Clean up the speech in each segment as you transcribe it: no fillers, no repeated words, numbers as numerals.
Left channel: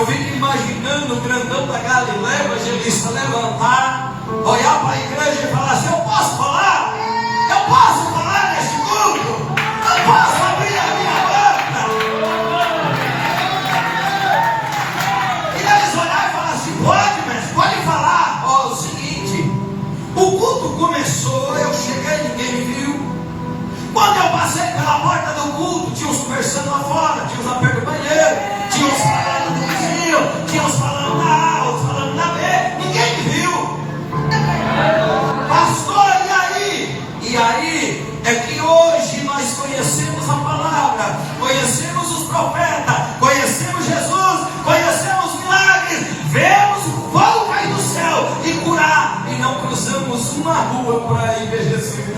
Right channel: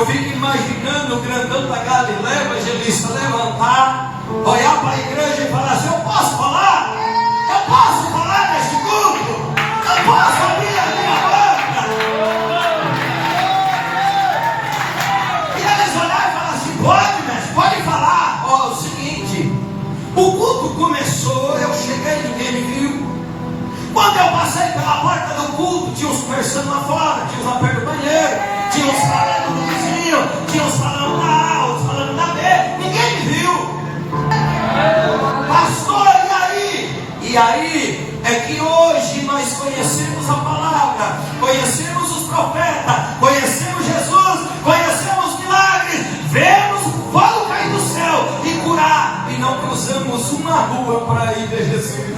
Eu fico imaginando o grandão da Galileia, o evangelista, levantar, olhar para a igreja e falar assim: eu posso falar? Eu posso falar neste culto? Eu posso abrir a minha boca? E eles olharam e falaram assim: pode, mestre, pode falar. Ó, o seguinte, o culto começou, eu cheguei, ninguém me viu. Quando eu passei pela porta do culto, tinha uns conversando lá fora, tinha uns lá perto do banheiro, tinha uns falando do vizinho, tinha uns falando da A, outros falando da B, ninguém me viu. Pastor, e aí? E aí é que hoje nós conhecemos a palavra, conhecemos os profetas, conhecemos Jesus, conhecemos milagres, vemos o fogo cair do céu e curar, e não cruzamos uma rua para ir ver Jesus.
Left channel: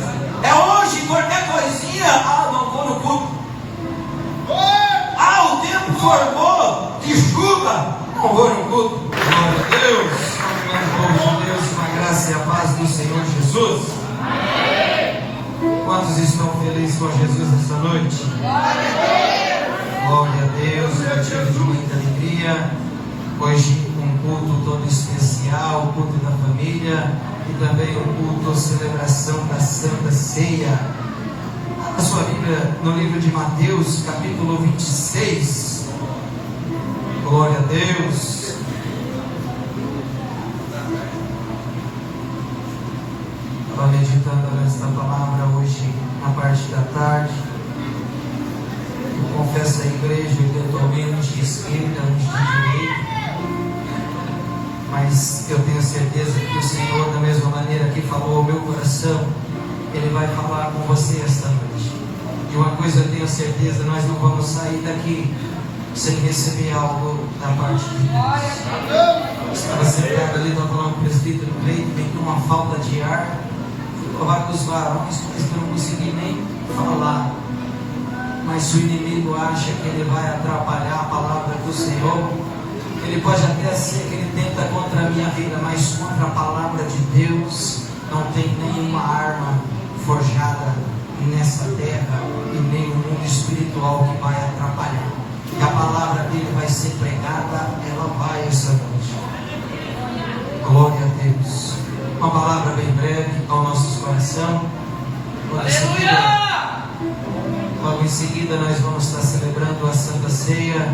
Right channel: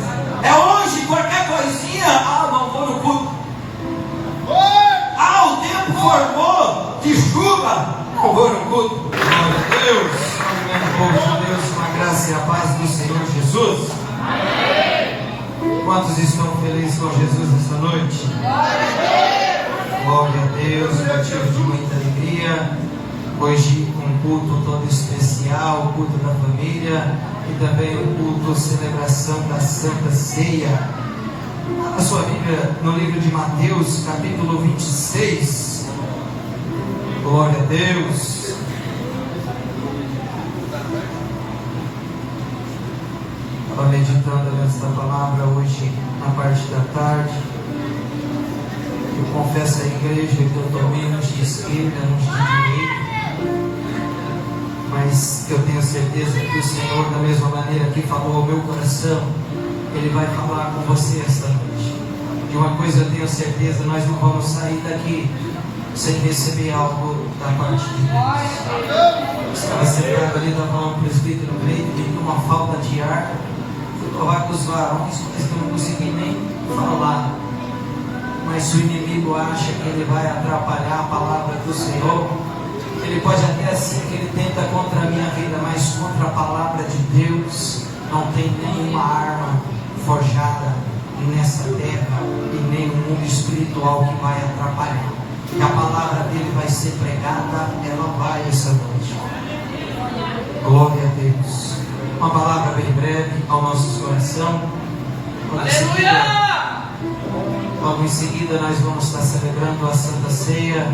É hoje, qualquer coisinha, não vou no culto. O tempo formou, que chuva, não vou no culto. Glória a Deus, povo de Deus, com a graça e a paz do Senhor Jesus. Amém. Quantos estão felizes com Jesus essa noite? Glória a Deus, motivo de muita alegria. Hoje um culto todo especial, o culto da família e também o culto celebração da Santa Ceia. A sua Bíblia no livro de Mateus, capítulo 26. Glória a Deus. Estava meditando nessa palavra hoje na parte da tarde. Eu confesso à igreja que eu estou meio de esquerda, de direita, mas eu tenho certeza que o Senhor, da mesma maneira que falou ao meu coração, Ele vai falar com você esta noite. E uma coisa eu tenho certeza: nós não vamos sair daqui sem receber algo da parte de Deus. Estava sentado ali, estava falando com o presbítero Cleito, tem uma falta de ar. Fui provar com os varões, mas não consegui nem falar. Mas se o inimigo acha que ele vai atrapalhar a palavra do Senhor, ele pode até ser que ele tenta contra a minha vida, mas contra a palavra de Deus não tem nenhuma arma forjada nessa terra e nenhum mundo espiritual que vai atrapalhar. E a palavra dele vai ser pregada, ela vai essa noite. Glória a Deus. Uma palavra bem breve ao nosso coração. Logo em seguida nós vamos estar celebrando a Santa Ceia,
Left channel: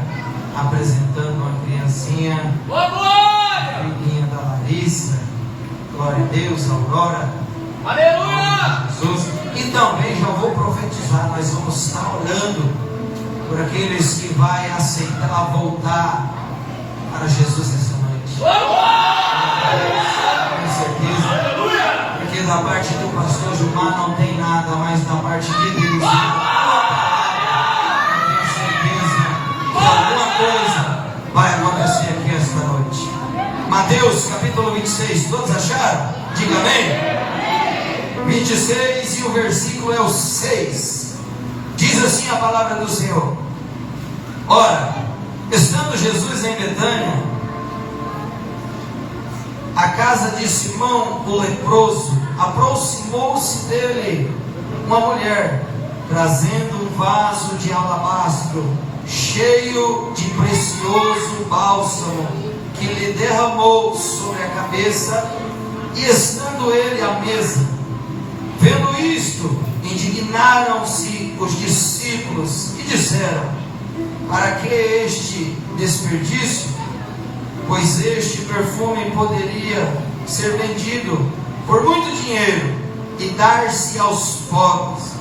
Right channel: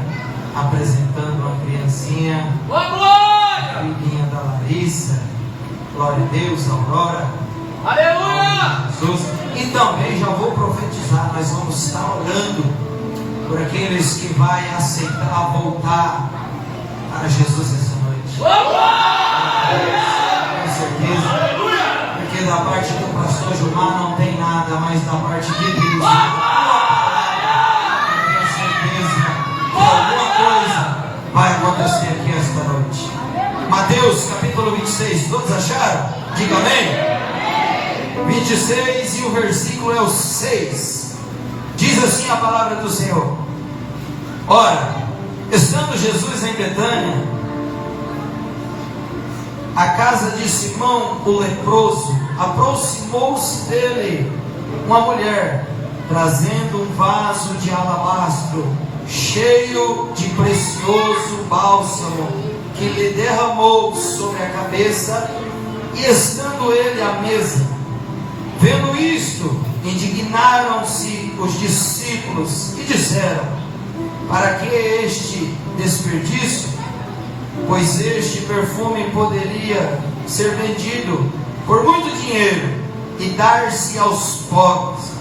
apresentando a criancinha, a filhinha da Larissa. Glória a Deus, a Aurora. Aleluia! Jesus. E também já vou profetizar, nós vamos estar orando por aqueles que vão aceitar voltar para Jesus essa noite. Com certeza. Porque da parte do pastor Gilmar não tem nada, mas da parte de Deus, eu tenho certeza que alguma coisa vai acontecer aqui esta noite. Mateus capítulo 26, todos acharam? Diga amém. 26 e o versículo é o 6. Diz assim a palavra do Senhor: ora, estando Jesus em Betânia, a casa de Simão o leproso, aproximou-se dele uma mulher, trazendo um vaso de alabastro cheio de precioso bálsamo, que lhe derramou sobre a cabeça. E estando ele à mesa, vendo isto, indignaram-se os discípulos e disseram: para que este desperdício? Pois este perfume poderia ser vendido por muito dinheiro e dar-se aos pobres.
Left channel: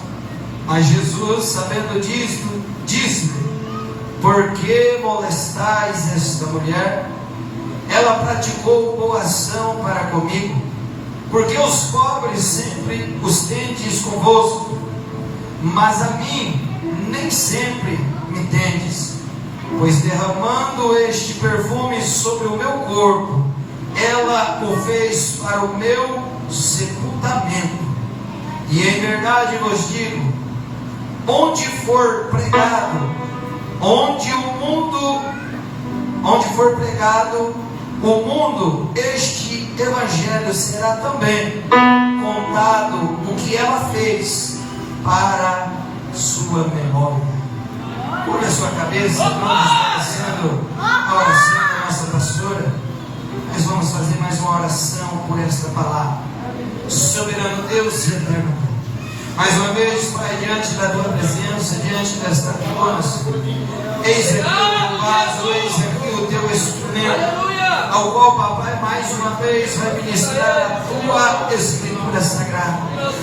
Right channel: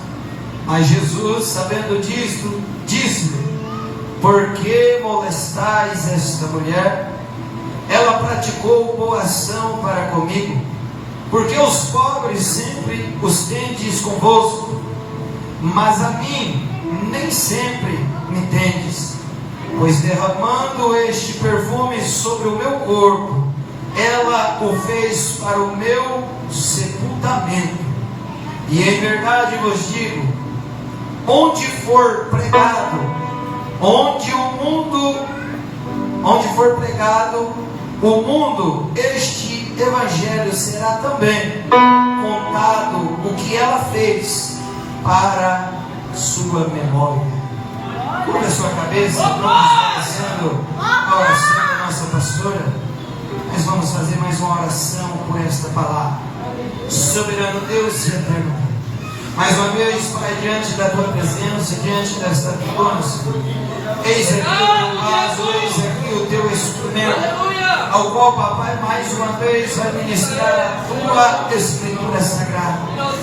Mas Jesus, sabendo disto, disse-lhe: por que molestais esta mulher? Ela praticou boa ação para comigo, porque os pobres sempre os tendes convosco, mas a mim nem sempre me tendes. Pois derramando este perfume sobre o meu corpo, ela o fez para o meu sepultamento. E em verdade vos digo, onde for pregado, onde for pregado o mundo, este evangelho será também contado, o que ela fez, para sua memória. Curva a sua cabeça, vamos finalizando a oração da nossa pastora, nós vamos fazer mais uma oração por esta palavra. Soberano Deus e eterno, mais uma vez, Pai, diante da tua presença, diante desta tribuna, eis aqui o teu vaso, eis aqui o teu instrumento, ao qual, papai, mais uma vez vai ministrar a tua escritura sagrada.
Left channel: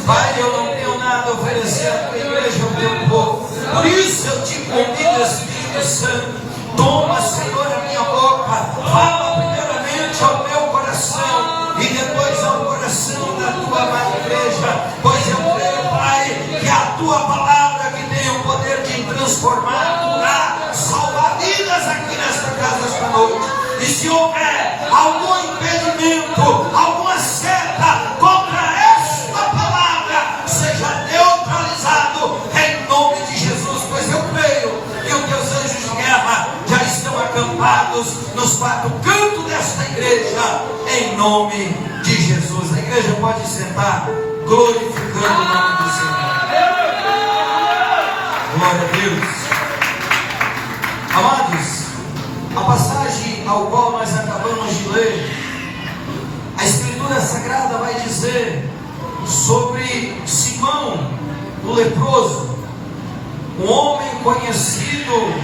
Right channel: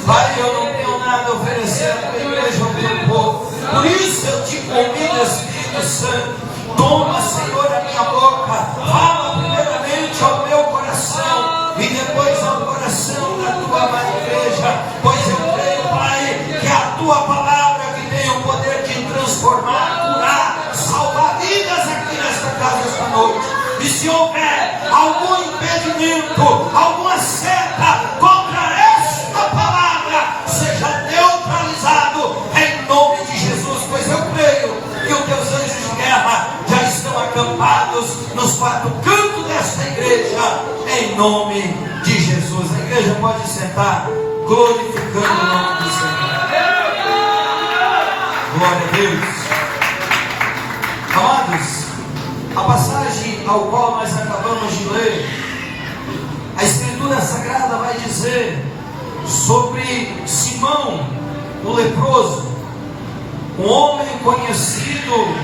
Pai, eu não tenho nada a oferecer à tua igreja, ao teu povo, por isso eu te convido, Espírito Santo, toma, Senhor, a minha boca, fala primeiramente ao meu coração e depois ao coração da tua amada igreja, pois eu creio, Pai, que a tua palavra que tem o poder de transformar, curar, salvar vidas aqui nesta casa esta noite. E se houver algum impedimento, alguma seta contra esta palavra, seja neutralizado em nome de Jesus, pois eu creio que os teus anjos de guerra já estão acampados nos quatro cantos desta igreja, em nome de Jesus. A igreja pode sentar, glorificando o nome do Senhor. Glória a Deus. Amados, a passagem ao qual nós acabamos de ler, a Escritura Sagrada vai dizer sobre Simão, o leproso, um homem conhecido,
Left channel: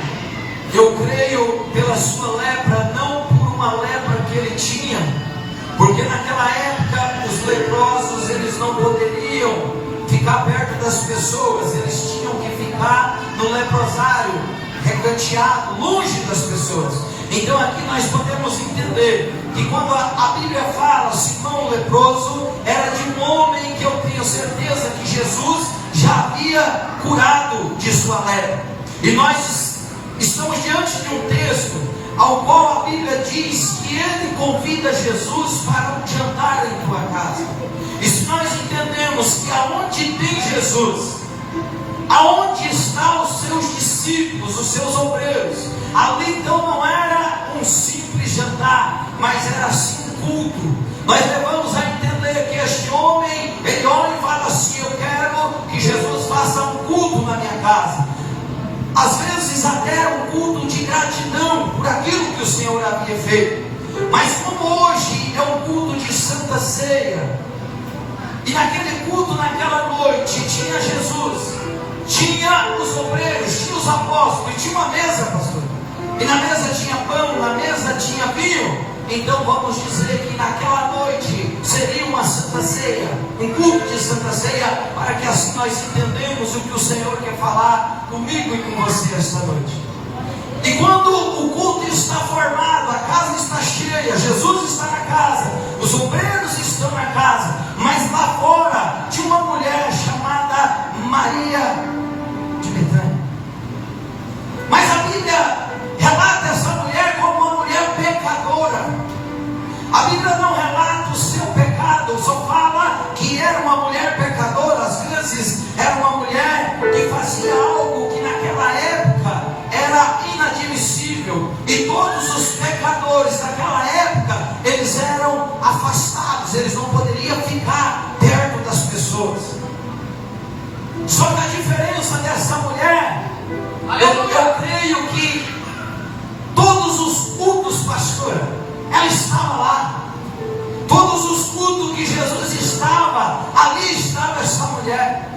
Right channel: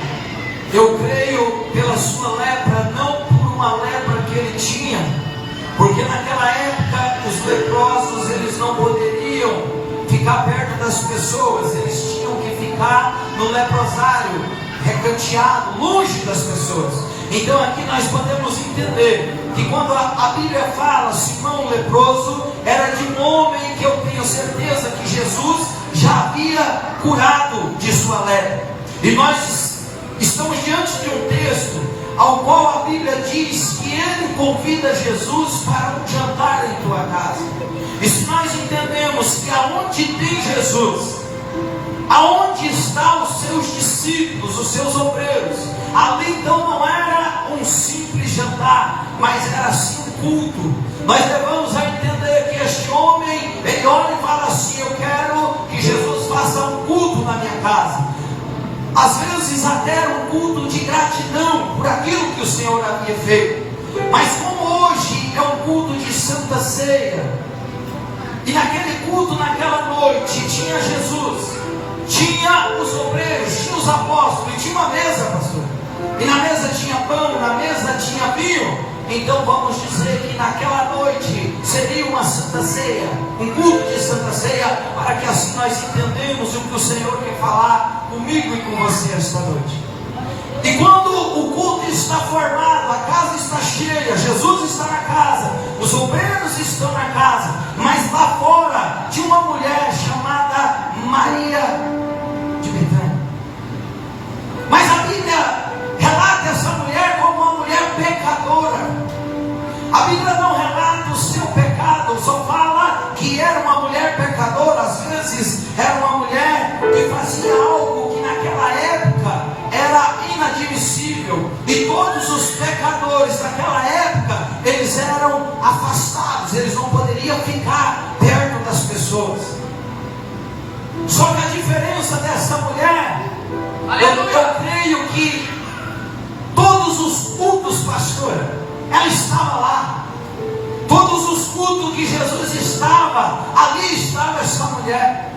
eu creio, pela sua lepra, não por uma lepra que ele tinha, porque naquela época os leprosos eles não poderiam ficar perto das pessoas, eles tinham que ficar no leprosário, recanteado, longe das pessoas. Então aqui nós podemos entender que quando a Bíblia fala Simão o leproso, era de um homem que eu tenho certeza que Jesus já havia curado de sua lepra. E nós estamos diante de um texto ao qual a Bíblia diz que ele convida Jesus para um jantar em tua casa. E se nós entendemos que aonde tem Jesus, aonde estão os seus discípulos, os seus obreiros, ali então não era um simples jantar, mas era assim um culto. Nós devemos a entender que este homem, ele olha e fala assim: eu quero que Jesus faça um culto na minha casa. Às vezes até era um culto de gratidão por aquilo que o Senhor havia feito. Mas como hoje é um culto de Santa Ceia, e naquele culto, naquela noite, tinha Jesus, tinha os obreiros, tinha os apóstolos, e tinha uma mesa, pastor. E na mesa tinha pão, na mesa tinha vinho. Então vamos dizer que naquela noite seria uma Santa Ceia, um culto de Santa Ceia, para que assim nós entendemos o que o Senhor quer falar comigo e com você esta noite. E quando o culto está formado, a casa está cheia, Jesus está na casa, os obreiros estão na casa, mas lá fora tinha uma mulher chamada Maria de Betânia. Mas a Bíblia relata essa mulher como uma mulher pecadora. A Bíblia não relata o seu pecado, só fala que era uma mulher pecadora. Às vezes era uma mulher que fazia algo que naquela época era inadmissível, e todos os pecadores daquela época eles eram afastados, eles não poderiam ficar perto das pessoas. Só que a diferença dessa mulher, eu creio que todos os cultos, pastor, ela estava lá. Todos os cultos que Jesus estava, ali estava essa mulher.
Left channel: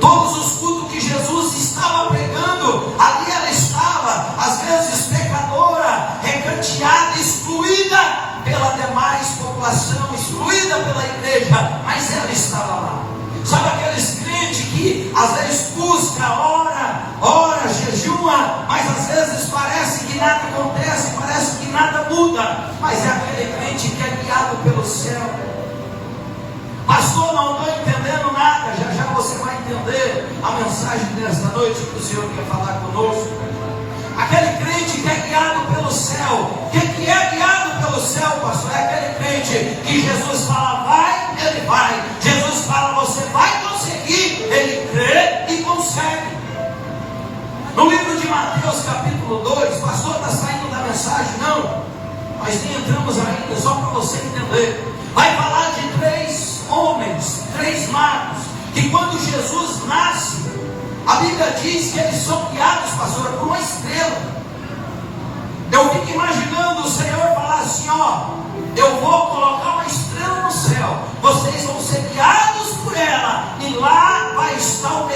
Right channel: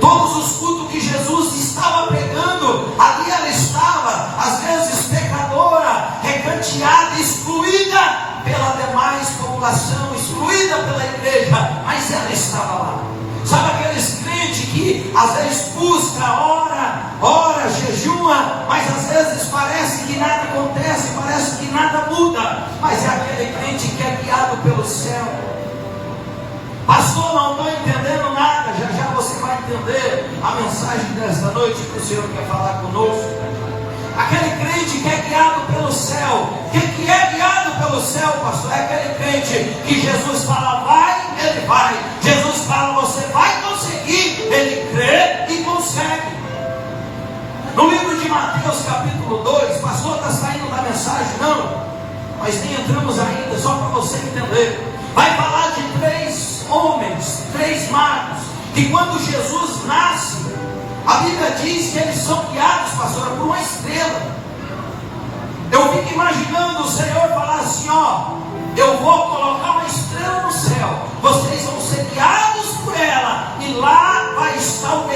Todos os cultos que Jesus estava pegando, ali ela estava. Às vezes pecadora, recanteada, excluída pela demais população, excluída pela igreja, mas ela estava lá. Sabe aqueles crentes que às vezes busca, ora, jejua, mas às vezes parece que nada acontece, parece que nada muda, mas é aquele crente que é guiado pelo céu. Pastor, não estou entendendo nada. Já você vai entender a mensagem desta noite que o Senhor quer falar conosco. Aquele crente que é guiado pelo céu. Quem que é guiado pelo céu, pastor? É aquele crente que Jesus fala vai, ele vai. Jesus fala você vai conseguir, ele crê e consegue. No livro de Mateus capítulo 2, pastor, está saindo da mensagem? Não, mas nem entramos ainda, só para você entender. Vai falar de 3 homens, 3 magos, que quando Jesus nasce, a Bíblia diz que eles são guiados, pastor, por uma estrela.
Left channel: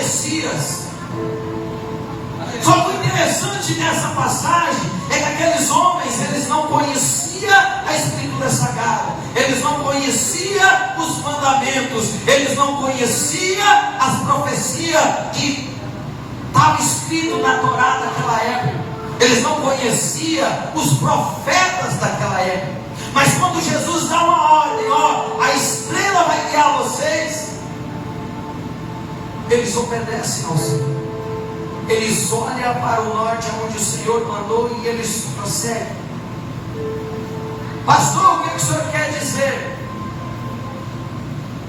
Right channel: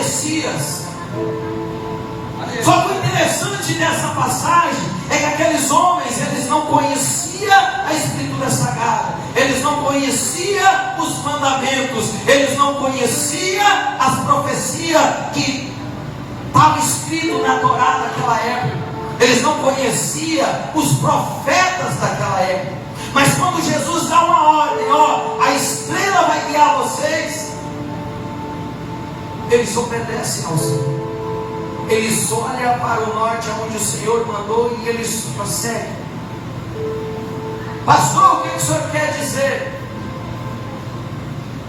Messias. Só que o interessante dessa passagem é que aqueles homens, eles não conheciam a Escritura Sagrada, eles não conheciam os mandamentos, eles não conheciam as profecias que estavam escritas na Torá daquela época, eles não conheciam os profetas daquela época. Mas quando Jesus dá uma ordem, ó, a estrela vai guiar vocês, eles obedecem ao Senhor. Eles olham para o norte, onde o Senhor mandou, e eles prosseguem. Pastor, o que o Senhor quer dizer?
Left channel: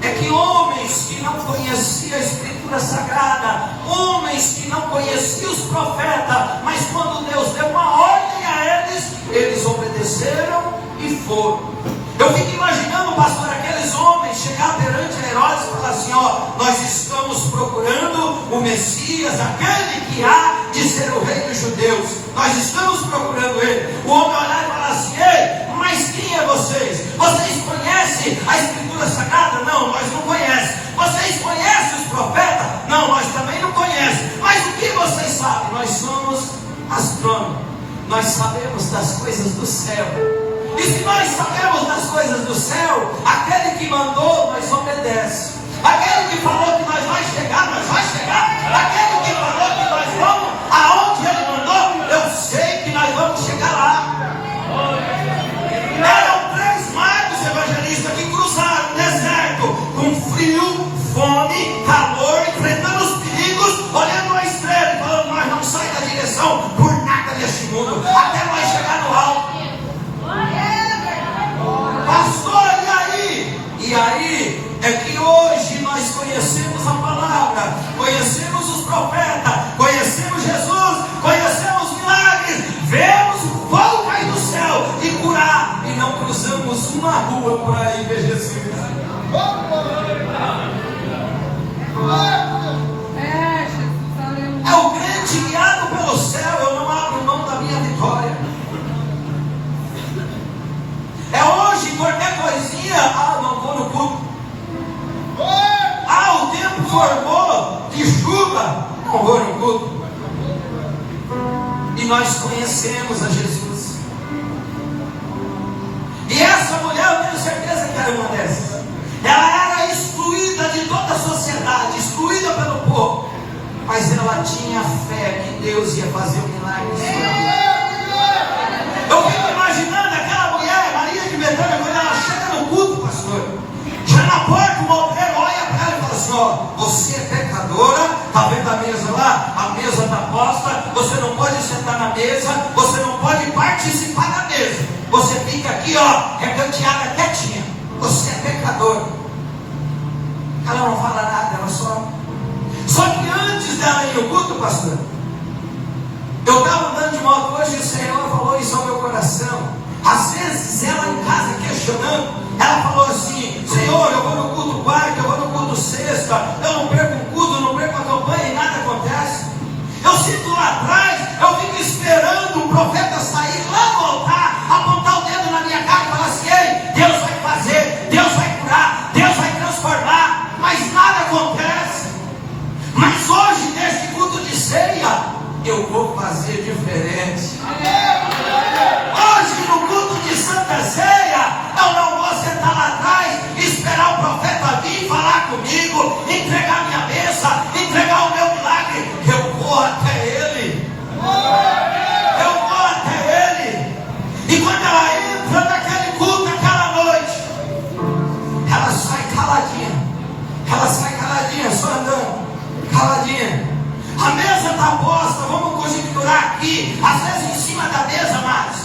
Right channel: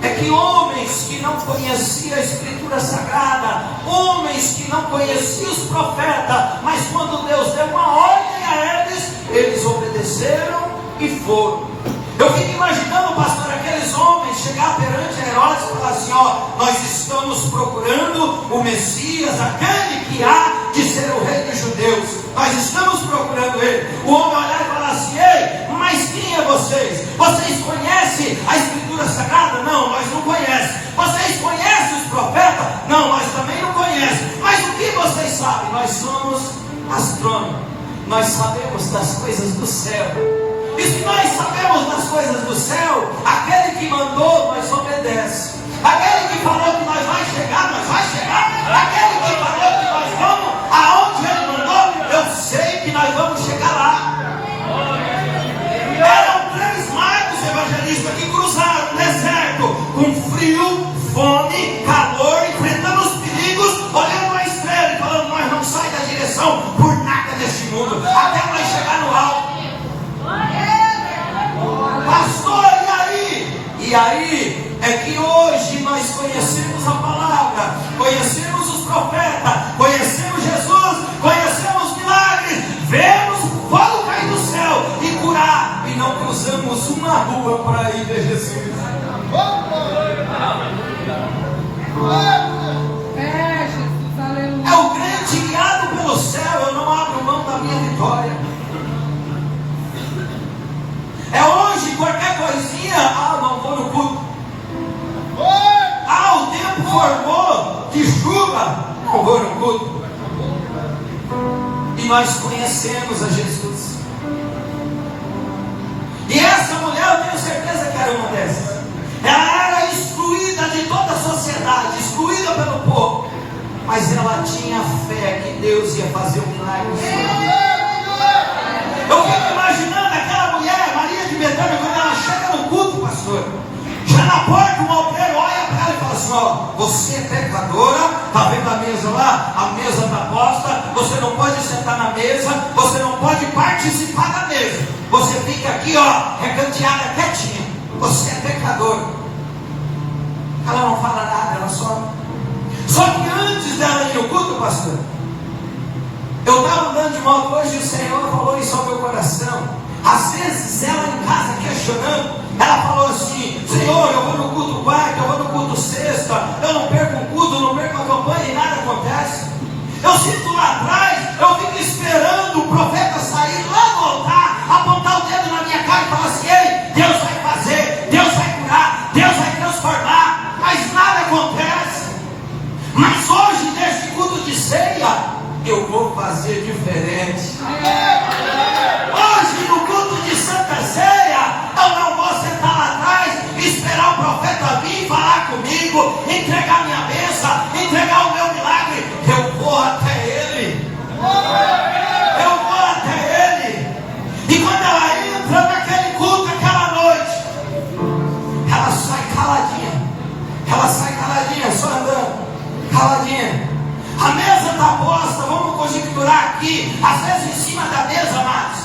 É que homens que não conheciam a Escritura Sagrada, homens que não conheciam os profetas, mas quando Deus deu uma ordem a eles, eles obedeceram e foram. Eu fico imaginando, pastor, aqueles homens chegar perante Herodes e falar assim: ó, nós estamos procurando o Messias, aquele que há de ser o rei dos judeus, nós estamos procurando ele. O homem olhar e falar assim: ei, mas quem é vocês? Vocês conhecem a Escritura Sagrada? Não, nós não conhecemos. Vocês conhecem os profetas? Não, nós também não conhecemos. Mas o que vocês sabem? Nós somos astrônomos, nós sabemos das coisas do céu. E se nós sabemos das coisas do céu, aquele que mandou, nós obedecemos. Aquele que falou que nós vamos chegar, nós vamos chegar. Aquele que falou que nós vamos aonde ele mandou, eu sei que nós vamos chegar lá. Eram 3 magos evangelistas que cruzaram o deserto com frio, fome, calor, enfrentando os perigos, olhando a estrela e falando: nós não saímos da direção por nada neste mundo, até nós chegar no alto. Pastor, e aí? E aí é que hoje nós conhecemos a palavra, conhecemos os profetas, conhecemos Jesus, conhecemos os milagres, vemos o fogo cair do céu e curar, e não cruzamos uma rua para ir ver Jesus. É o crente guiado pelo céu. Eu não abro mão da minha vitória. É hoje, qualquer coisinha, não vou no culto. O tempo formou de chuva, não vou no culto. E nós conhecemos a Jesus. E essa mulher, eu tenho certeza que era uma dessas. Ela era excluída de toda a sociedade, excluída pelo povo. Mas ela tinha fé que Deus ia fazer um milagre. Eu fico imaginando aquela mulher, Maria de Betânia, quando ela chega no culto, pastor. Já na porta, o obreiro olha para ela e fala assim: ó, você é pecadora, está vendo a mesa lá? A mesa está posta, você não pode sentar na mesa, você não pode participar da mesa. Você fica aqui, ó, recanteada, quietinha. Você é pecadora. Ela não fala nada, ela só. Só que antes dela ir no culto, pastor, eu estava andando de moto hoje e o Senhor falou isso ao meu coração. Às vezes ela em casa questionando, ela falou assim: Senhor, eu vou no culto quarta, eu vou no culto sexta, eu não perco um culto, eu não perco a campanha e nada acontece. Eu sinto lá atrás, eu fico esperando o profeta sair lá no altar, apontar o dedo na minha cara e falar assim: ei, Deus vai fazer, Deus vai curar, Deus vai transformar, mas nada acontece. Mas hoje, neste culto de ceia, eu vou fazer diferente. Hoje, no culto de Santa Ceia, eu não vou sentar lá atrás, esperar o profeta vir falar comigo, entregar minha bênção, entregar o meu milagre. Eu vou até ele. Eu vou até ele. E quando ela entra naquele culto, aquela noite, ela sai caladinha. Ela sai caladinha, só andando. Caladinha. A mesa está posta, vamos conjecturar aqui. Às vezes em cima da mesa, mas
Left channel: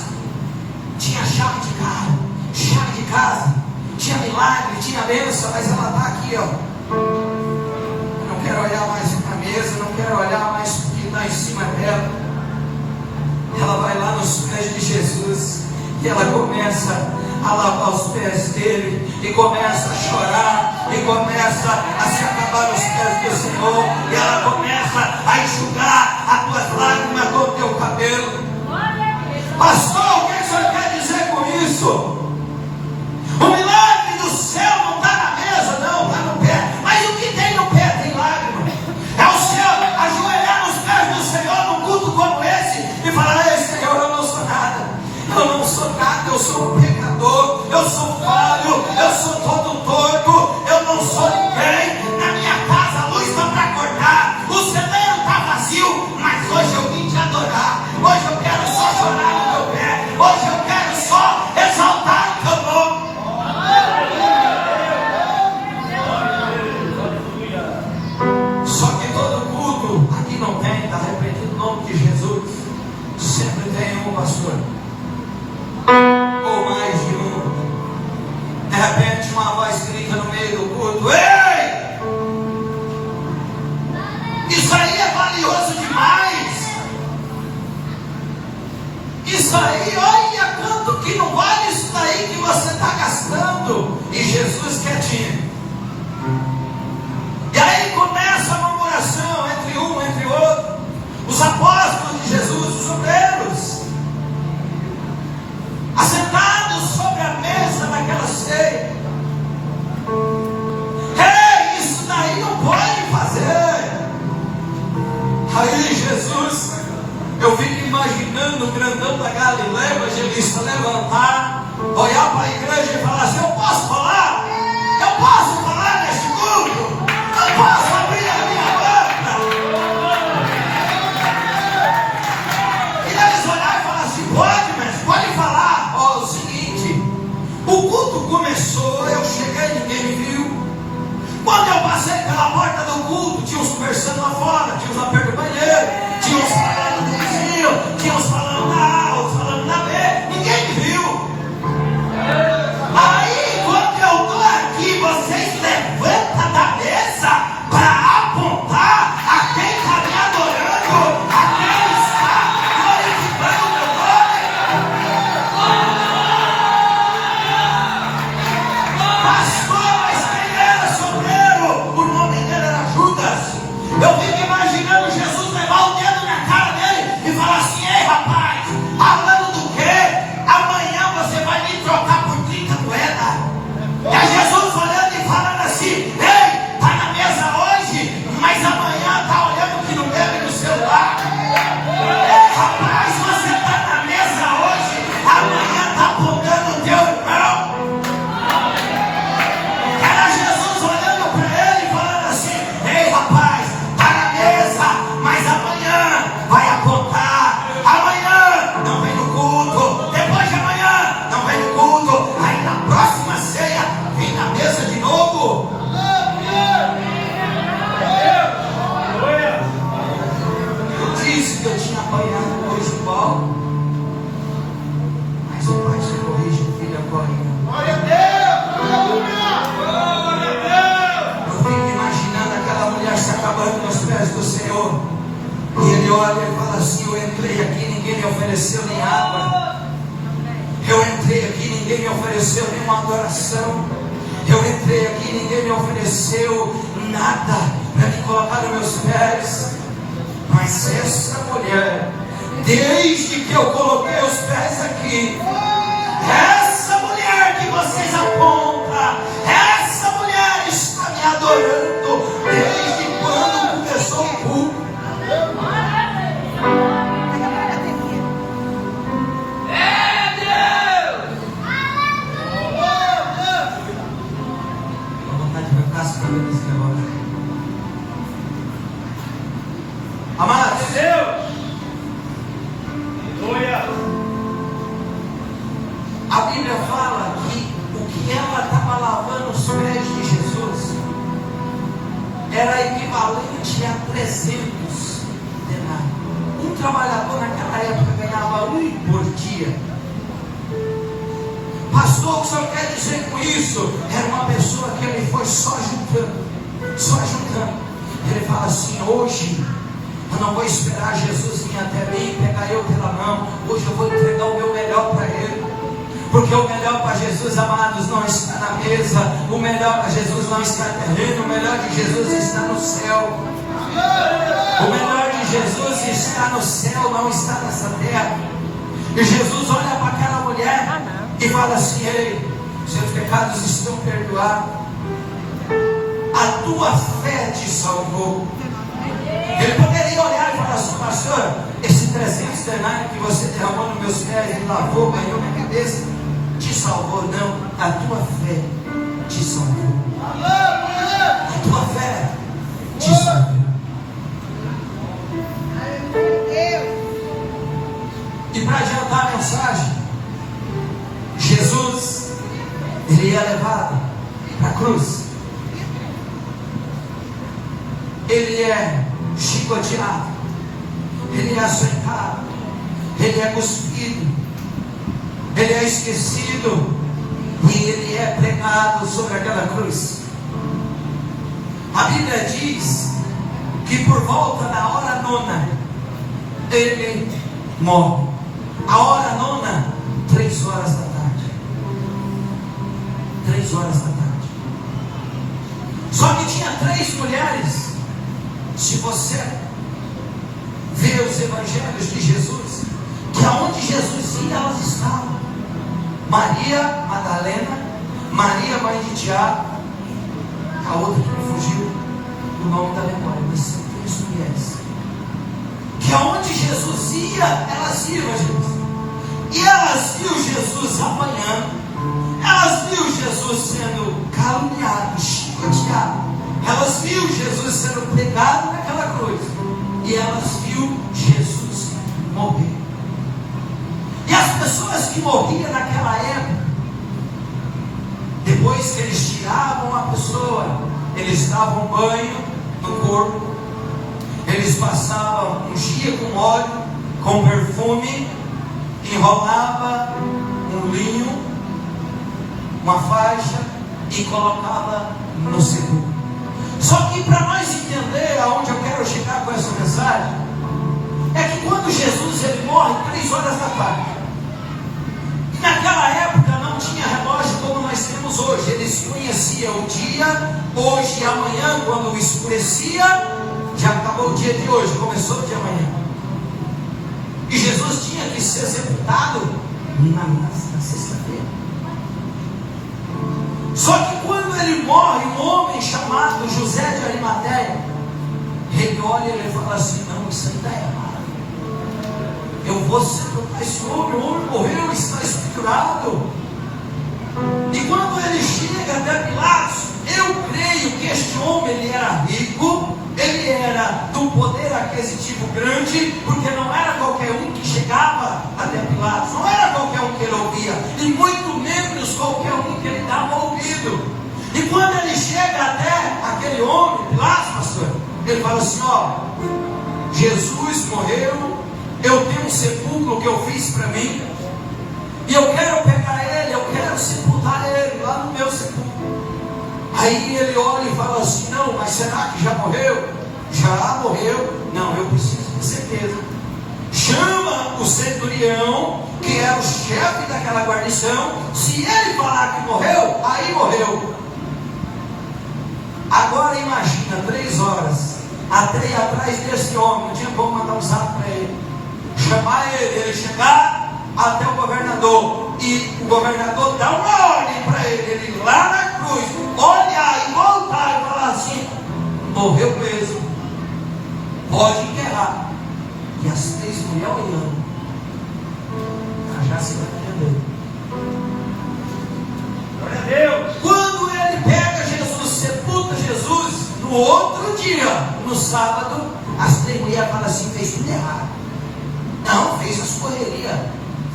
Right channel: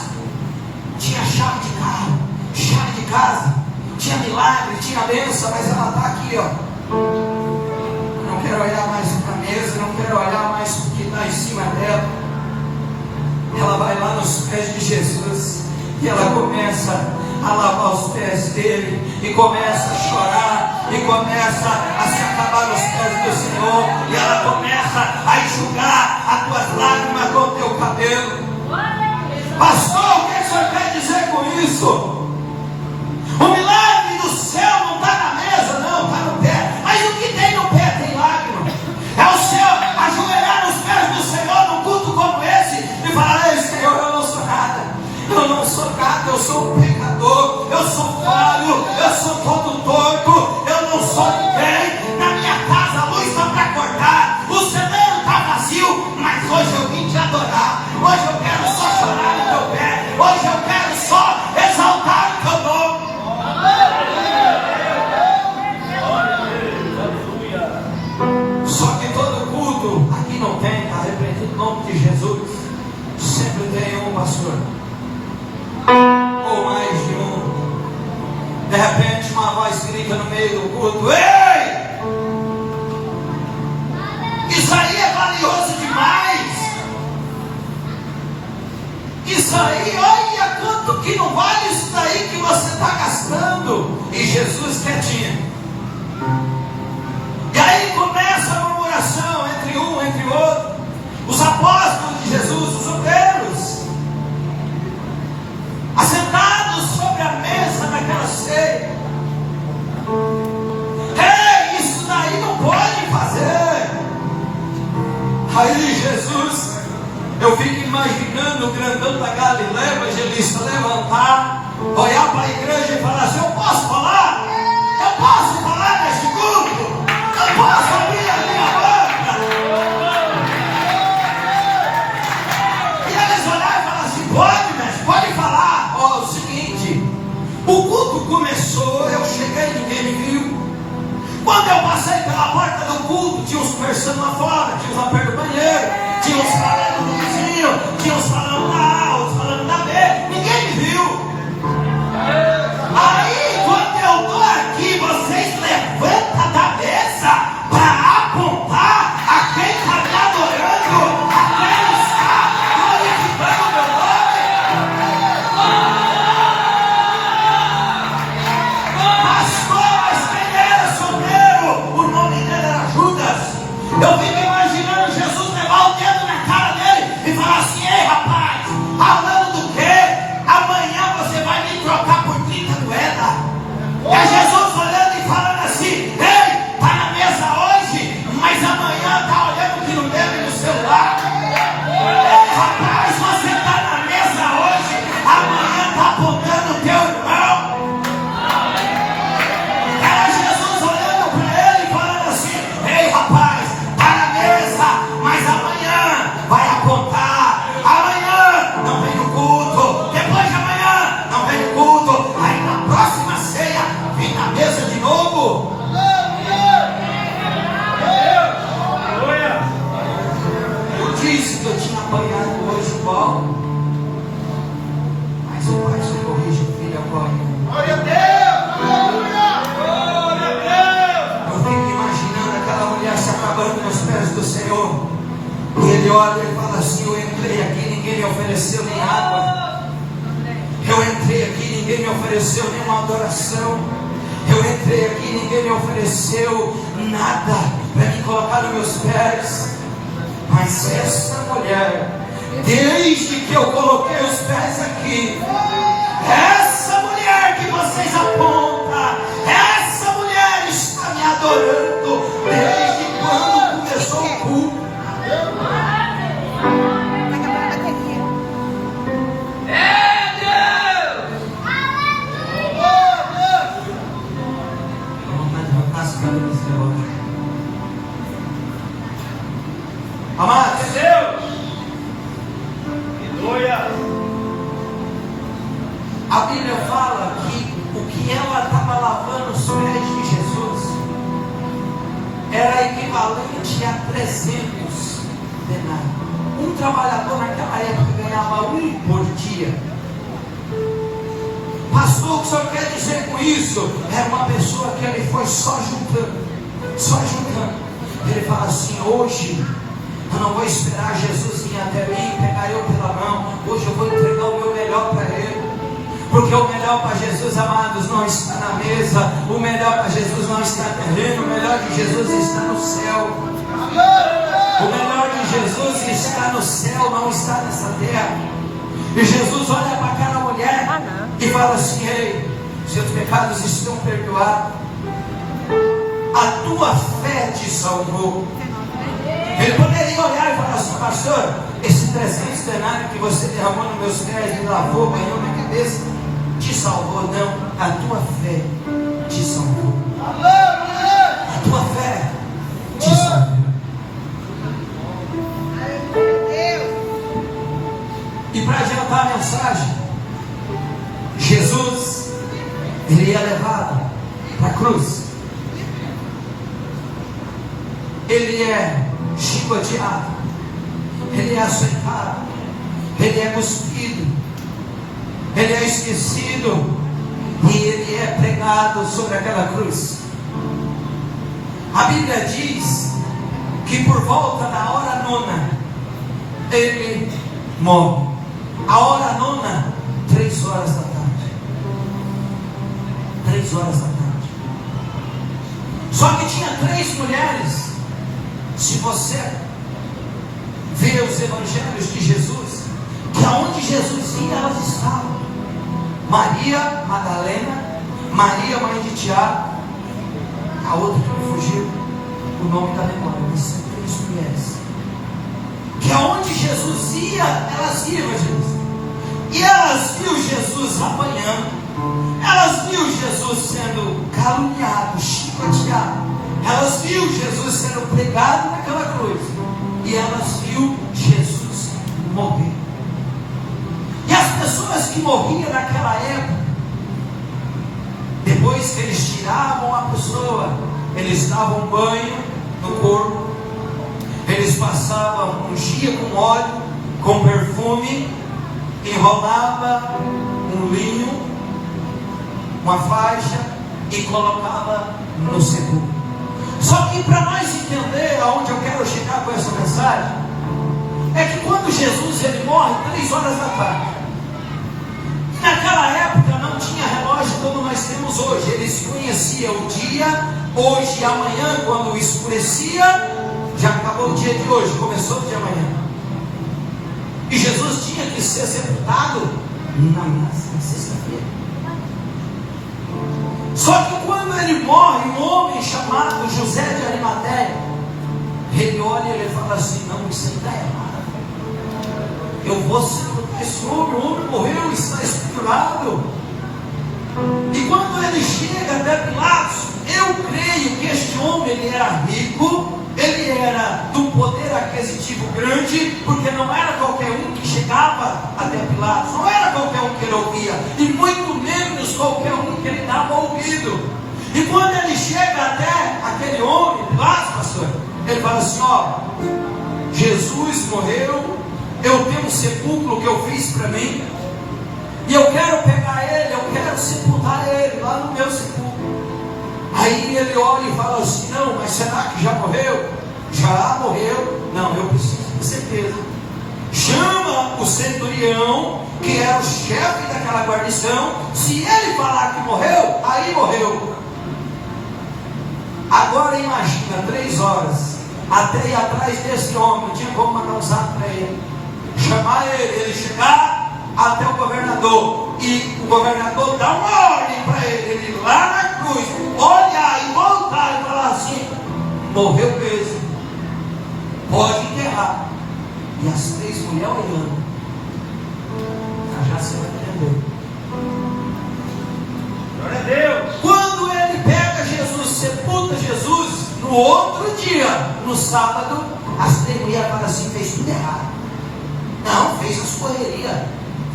tinha chave de carro, chave de casa, tinha milagre, tinha bênção, mas ela está aqui, ó. Eu não quero olhar mais para a mesa, não quero olhar mais o que está em cima dela. Ela vai lá nos pés de Jesus e ela começa a lavar os pés dele, e começa a chorar, e começa a se acabar os pés do Senhor, e ela começa a enxugar as tuas lágrimas com o teu cabelo. Pastor, o que o senhor quer dizer com isso? O milagre do céu não está na mesa, não, está no pé. Mas o que tem no pé tem lágrima. É o pastor? Ou mais de um. De repente uma voz grita no meio do culto: ei! Isso aí é valioso demais. Isso aí, olha quanto que não vale isso daí que você está gastando. E Jesus quietinho. E aí começa a murmuração entre um, entre outro. Os apóstolos de Jesus, os obreiros, assentados sobre a mesa naquela ceia. Ei, isso daí não pode fazer. Aí Jesus, eu fico imaginando o grandão da Galileia, o evangelista, levantar, olhar para a igreja e falar assim: eu posso falar? Eu posso falar neste culto? Eu posso abrir a minha boca? E eles olharem e falar assim: pode, mestre, pode falar. Ó, o seguinte, o culto começou, eu cheguei, ninguém me viu. Quando eu passei pela porta do culto, tinha uns conversando lá fora, tinha uns lá perto do banheiro, tinha uns falando no vizinho, tinha uns falando na A, uns falando na B, ninguém me viu. Aí, quando eu estou aqui, vocês levantam da mesa para apontar a quem está me adorando, a quem está glorificando o meu nome. Pastor, mas quem era solteiro? O nome dele era Judas. Eu fico imaginando Jesus levar o dedo na cara dele e falar assim: ei, rapaz, falando do quê? Amanhã você vai me trocar por 30 moedas. É Jesus olhando e falando assim: ei, tá na mesa hoje, mas amanhã tá olhando o que não deve no celular. Ei, rapaz, você tá na mesa hoje, amanhã tá apontando o teu irmão. Era Jesus olhando para ele e falando assim: ei, rapaz, tá na mesa, mas amanhã vai apontar. Amanhã não vem no culto, depois de amanhã não vem no culto, aí na próxima ceia vem na mesa de novo. Eu disse que eu tinha apanhado hoje igual, mas o pai só corrige o filho agora. Glória a Deus! Glória a Deus! Eu fico imaginando aquela mulher se apagando nos pés do Senhor. E ele olha e fala assim: eu entrei aqui, ninguém me ofereceu nem água. Eu entrei aqui, ninguém me ofereceu nenhuma adoração. Eu entrei aqui, ninguém me ofereceu nada para me colocar nos meus pés. Mas essa mulher, desde que eu coloquei os pés aqui, essa mulher que vocês apontam, essa mulher está me adorando desde quando começou o culto. Amados, Deus! Aleluia! a Bíblia fala que o que ela estava lavando os pés de Jesus era equivalente a 300 denários. Um trabalhador naquela época ganhava um por dia. Pastor, o que o senhor quer dizer com isso? Era uma pessoa que ele foi só juntando. Ele fala assim: hoje eu não vou esperar Jesus vir até mim, pegar eu pela mão. Hoje eu vou entregar o meu melhor para ele. Porque o melhor para Jesus, amados, não está na mesa. O melhor para Jesus não está no terreno. O melhor de Jesus está no céu. O melhor de Jesus está no céu, não está nessa terra. E Jesus olha para aquela mulher e fala assim: ei, seus pecados estão perdoados. A tua fé te salvou. Ele poderia olhar e falar assim: pastor, esse 300 denários que você derramou nos meus pés e lavou, banhou na cabeça, te salvou. Não, a tua fé te salvou. A tua fé te salvou. E para adiantar a mensagem, Jesus, ele ia levado para a cruz. Ele é chicoteado, ele é açoitado, ele é cuspido, ele é esquecido e ele é pregado sobre aquela cruz. A Bíblia diz que por volta da hora nona ele morre. A hora nona, 3 horas da tarde. 3 horas da tarde. Só que tinha 3 mulheres. Se você vê os evangelhos de Jesus, que aonde Jesus ia, elas estavam. Maria Madalena, Maria mãe de Tiago, a outra que me fugiu o nome da memória, mas são 3 mulheres. Que aonde Jesus ia, elas iam a Jesus. E elas viam Jesus apanhando, elas viam Jesus sendo caluniado, chicoteado, elas viam Jesus sendo pregado naquela cruz, e elas viam Jesus morrer. E as pessoas que morriam naquela época, depois que eles tiravam a pessoa, eles davam banho no corpo, eles passavam, ungia com óleo, com perfume, enrolava um linho, uma faixa e colocava no sepulcro. Só que para nós entender aonde eu quero chegar com essa mensagem, é que quando Jesus ele morre 3 horas da tarde, naquela época não tinha relógio como nós temos hoje. Eles conheciam o dia, hoje e amanhã, quando escurecia, já acabou o dia de hoje, começou o de amanhã. E Jesus tinha que ser sepultado na sexta-feira. Só que quando ele morre, um homem chamado José de Arimateia, ele olha e ele fala assim: não, isso aí está errado. Eu vou sepultar esse homem, o homem morreu, está escriturado. E quando ele chega até Pilatos, eu creio que este homem ele era rico, ele era de um poder aquisitivo grande, porque não era qualquer um que chegava até Pilatos, não era qualquer um que ele ouvia, e muito menos qualquer um que ele dava ouvido. E quando ele chega até aquele homem, Pilatos, pastor, ele fala assim: ó, Jesus morreu, eu tenho um sepulcro que eu fiz para mim, e eu quero pegar ele, eu quero sepultar ele lá no meu sepulcro. Aí ele olha e fala assim: não, mas será que já morreu? Já morreu? Não, eu preciso de certeza. Chama o centurião, que era o chefe daquela guarnição. Se ele falar que morreu, aí morreu. Agora imagina, 3 horas, até ir atrás desse homem, não tinha como mandar um zap para ele, chamar ele chegar até o governador, e o governador dá uma ordem para ele ir lá na cruz, olhar e voltar e falar assim: morreu mesmo, pode enterrar. E as 3 mulheres olhando, já se vai entender. Glória a Deus. Quando ele pega Jesus, sepulta Jesus, no outro dia, no sábado, as 3 mulheres falam assim: fez tudo errado. Não, fez as correrias,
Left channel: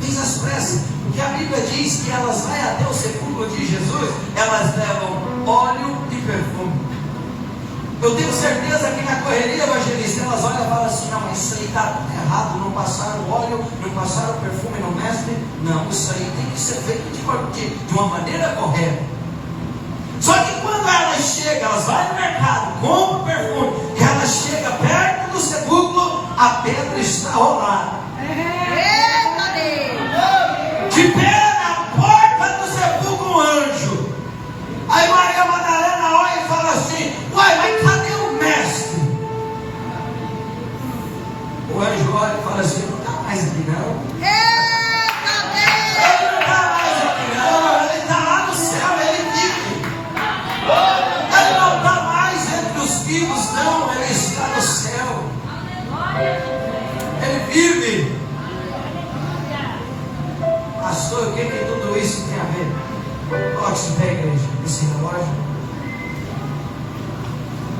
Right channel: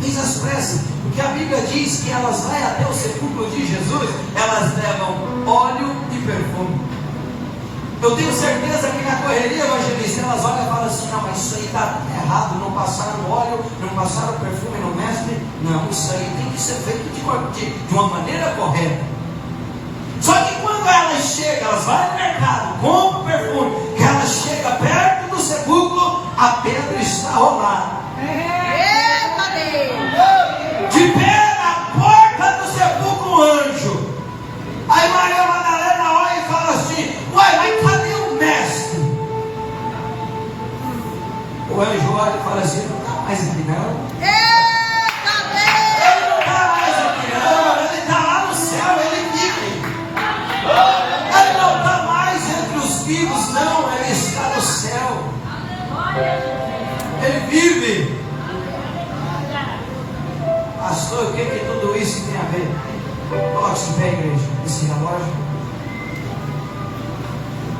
fez as pressas, porque a Bíblia diz que elas vão até o sepulcro de Jesus, elas levam óleo e perfume. Eu tenho certeza que na correria, evangelista, elas olham e falam assim: não, mas isso aí está errado, não passaram óleo, não passaram perfume no mestre. Não, isso aí tem que ser feito de uma maneira correta. Só que quando elas chegam, elas vão no mercado, compram perfume, que elas chegam perto do sepulcro, a pedra está rolada. Eita Deus! De pé na porta do sepulcro, um anjo. Aí Maria Madalena olha e fala assim: uai, mas cadê o mestre? O anjo olha e fala assim: não está mais aqui não. Eita Deus! Ele não está mais aqui não, ele está lá no céu, ele vive. Ele não está mais entre os vivos não, ele está no céu. Ele vive. Pastor, o que tudo isso tem a ver? Coloque-se em pé, igreja, esse relógio.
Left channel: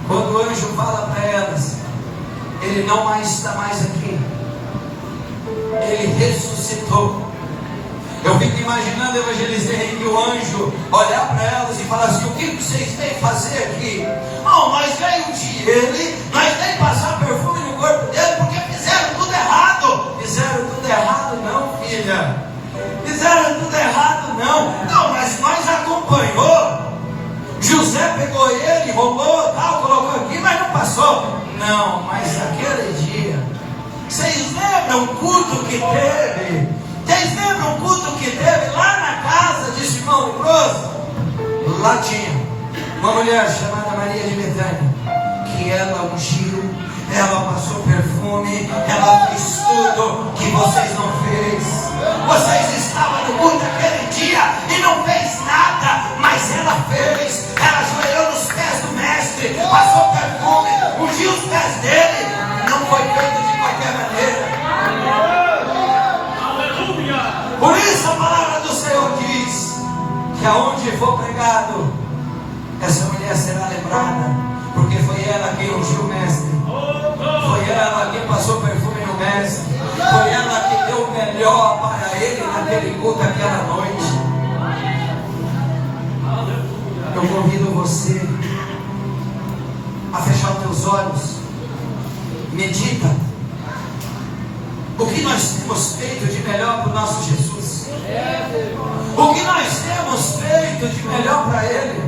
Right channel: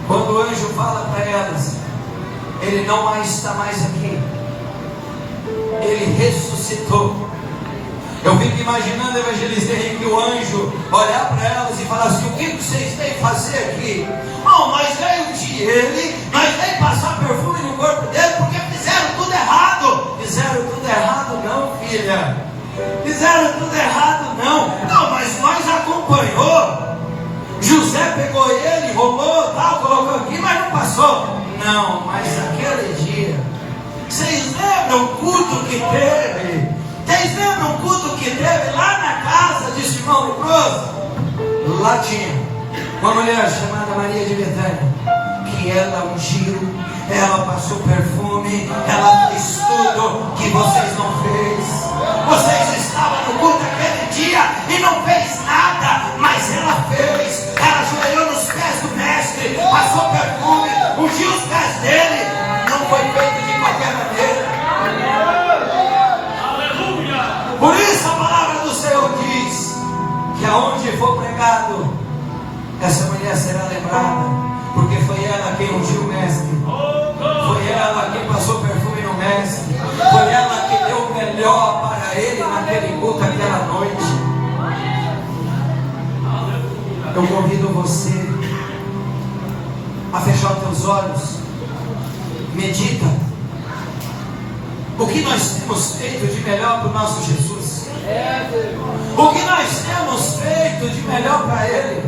Quando o anjo fala para elas, ele não mais está mais aqui, ele ressuscitou. Eu fico imaginando, evangelista Henrique, o anjo olhar para elas e falar assim: o que vocês vêm fazer aqui? Oh, mas veio de ele, mas veio passar perfume no corpo dele, porque fizeram tudo errado. Fizeram tudo errado. lembram o culto que teve? Vocês lembram o culto que teve lá na casa de Simão leproso? Lá tinha uma mulher chamada Maria de Betânia, que ela ungiu, ela passou perfume, ela fez tudo que vocês não fez. Vocês estavam no culto aquele dia e não fez nada, mas ela fez. Ela ajoelhou nos pés do mestre, passou perfume, ungiu os pés dele. Não foi feito de qualquer maneira. Por isso a palavra do Senhor diz que aonde for pregado, essa mulher será lembrada, porque foi ela quem ungiu o mestre, foi ela quem passou perfume no mestre, foi ela que deu o melhor para ele naquele culto aquela noite. Eu convido você a fechar os teus olhos, medita. O que nós temos feito de melhor para o nosso Jesus? O que nós temos feito de melhor para Ele?